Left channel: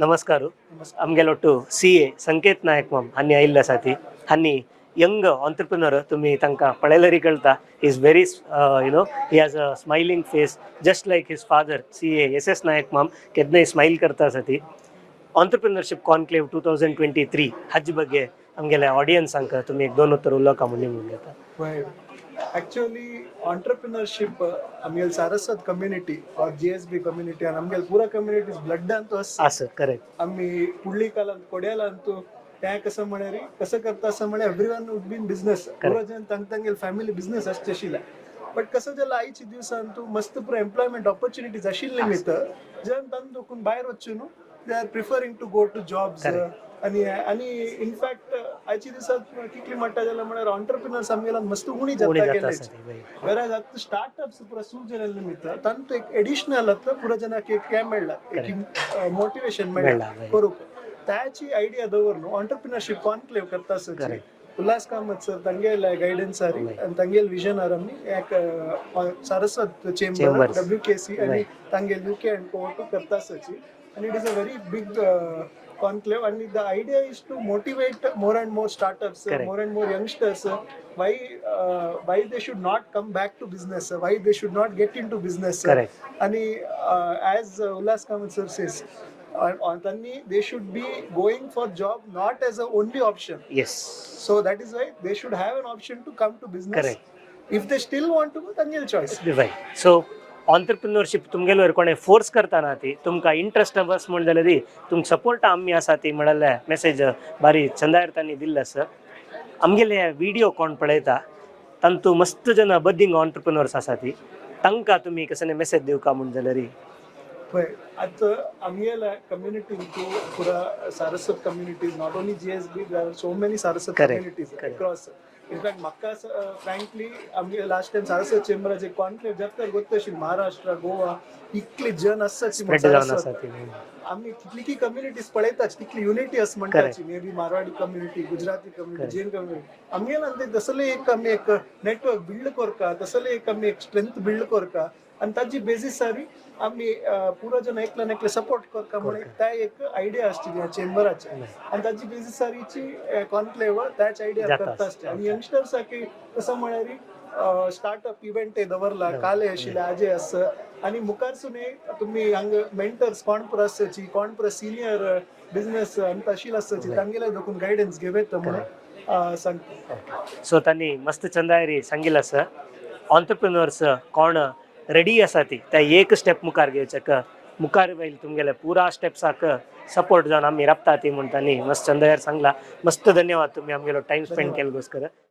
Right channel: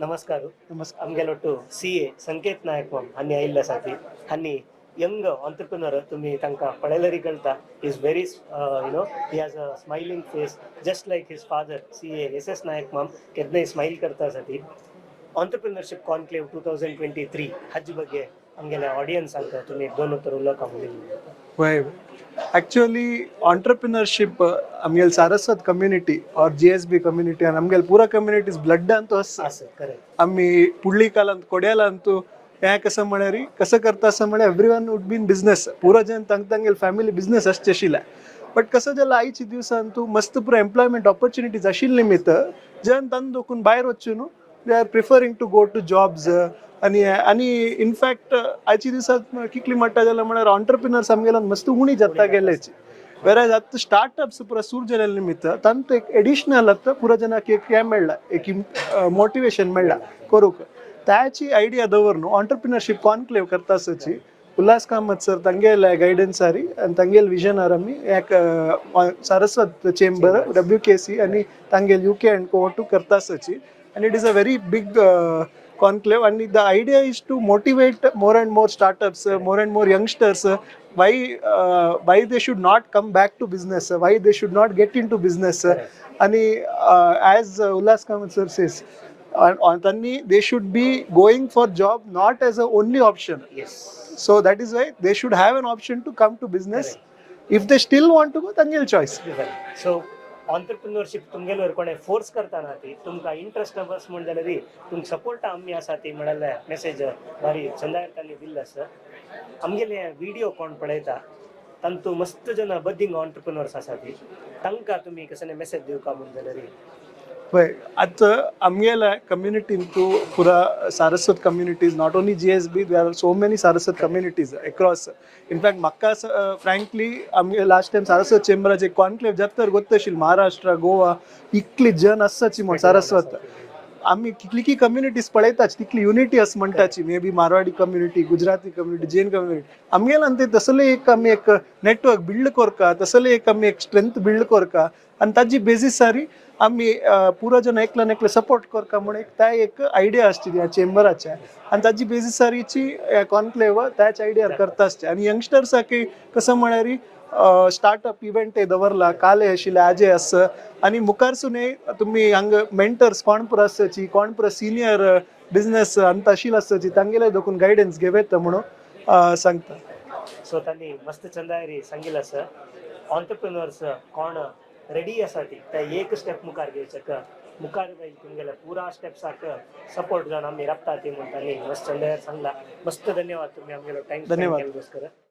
नमस्कार. आमगेलोटू CA संकेत नायक मम हानी आयिल्ल्यासाठी हानी यंग ऑन्टरप्रिनर तुम्ही तांकां पळयल्यारी कळटा. He is very he has a smiling face just like his father CA SS नायक मम केन्नाय स्माइल करता साठी. ऑन्टरप्रिनरशिप कॉन्क्लेव 2023 हाजे ಬಗ್ಗೆ आमगेल्या ऑडियन्सांक तुम्ही एक दोन उत्तर उलोवका म्हणून घेता. वय एक्चुअली ऑन्टरप्रिनरशिप आमगेल सारस्वत कम्युनिटी और GSB कम्युनिटी आणि आमगेल पूरा कम्युनिटीज ब्लड अंतू असं करेक्ट आम्ही पुडली कालांत कोड्याला अंतू हे कसं म्हणारी कसं करता असं म्हणे everyone would be in business पुरो जन तांगेल फॅमिली बिझनेस असचे आशिल्ले बट कसं जाल्यार आयची दिवसांतू मस्त पुरो एम्प्लॉयमेंट ऑपॉर्च्युनिटीज आशिल्ले निमित्त जन तांदूळ दोकून भायर वचून they are preferring to go to jobs आणि इनफॅक्ट आयची दिवसात कितली म्हणटा जाल्यार म्हळ्यार ऑन्टरप्रिनर्स आमगेल्यान मस्त उणी जाता गेलेच वेराज आतां स्टार्टअप्स पुरो सुरू जाल्या निमित्त तांतू एक एडिशनल आतां पुरो जनाक एक हे मेळ्ळा एक मोटिवेशन मेळ्ळा करूंक त्याची आयडिया दवरून ऑन्टरप्रिनरशिप कॉन्क्लेव करता आसची उल्हास कामत सर तांगेल गायडन्सारी आनी तांगेल विजनार आमी एक सारस्वत चेंबर WKC आनी तांगेल UK&Co टू करता आसची and it is a very big conclave and the idea is to motivate more and more startups more and more youngsters why they should not come back to business why they should not get into business and as Ullas Kamat sir says they should be going for job not as a only option. Yes, so that is why they should have an option to come to business. If they still want to go tangel choice. Right. So entrepreneurship तुमगेलो कोणे force करताना ती तुमकां interest बस म्हण जाल्यार तुमकां support आमी आसा ती म्हळ्यार मेसेज बारी चंदायर तांणी दिल्ले सर आमगेले व्हिडिओ कोण पळयता तांतू मस्त जन बद्दींग ऑन्टरप्रिनर्स आसा ती तांकां तुमी कसं मेसेज दिवका म्हण जाल्यार पळय आतां आमगेल्या कम्युनिटीन टू पुरा Saraswat communities not only GSB there are so many Saraswat communities across in fact म्हाका फ्रँकली आमगे लास्ट टायम सारस्वत चेंबराचे कॉन्क्लेव जाता गोत्तशील महाराष्ट्र गोवा इतली जन आसाची म्हण सारस्वत आम्ही कितली कम्युनिटीज पळयताच तितली युनिटी आस म्हणटाची may be Marwadi community Gujarati community Jain community आमगेल्यान ते तसले एक आमी एक नेटवर्क बिल्ड करका तसले एक आमी एक स्ट्रेंथ बिल्ड करका आणि ताजी बेसिसारी आम्ही पुरो जन एकल्यान एकले सपोर्ट करता म्हणून त्या एक आयडिया आसची चेंबराच्या आणि ताजी बेसिसारीची कॉन्क्लेव त्याच आयडिया करता आसचे आणि यंगस्टर्साक कसं म्हळ्यार स्टार्टअप इव्हेंट दवरला काले आशिल्ले आजे आस आणि मुखारसून तुम्ही हांग मेंटर्स कोण पुरो आसची कोण पुरो सिनियर बिझनेस अंत आशिल्लो आसची तांगेले दोकून गायडन्स घेवेत म्हणून सांगता. सो तांणी मस्त चंदायरी सांगिल्लें आसा ऑन्टरप्रिनर्स कोण रेडी आसा ती त्या एक स्टेप मुखार घेवचेक मुखार वयल तुमगेले पुरा स्टेप्साक सपोर्ट जावन आमी राबता ती म्हण तांणी मस्त चंदायर सांगला. मस्त धन्यवाद तुम्ही आमगेलो टाइम स्पेंड केलो बसकर.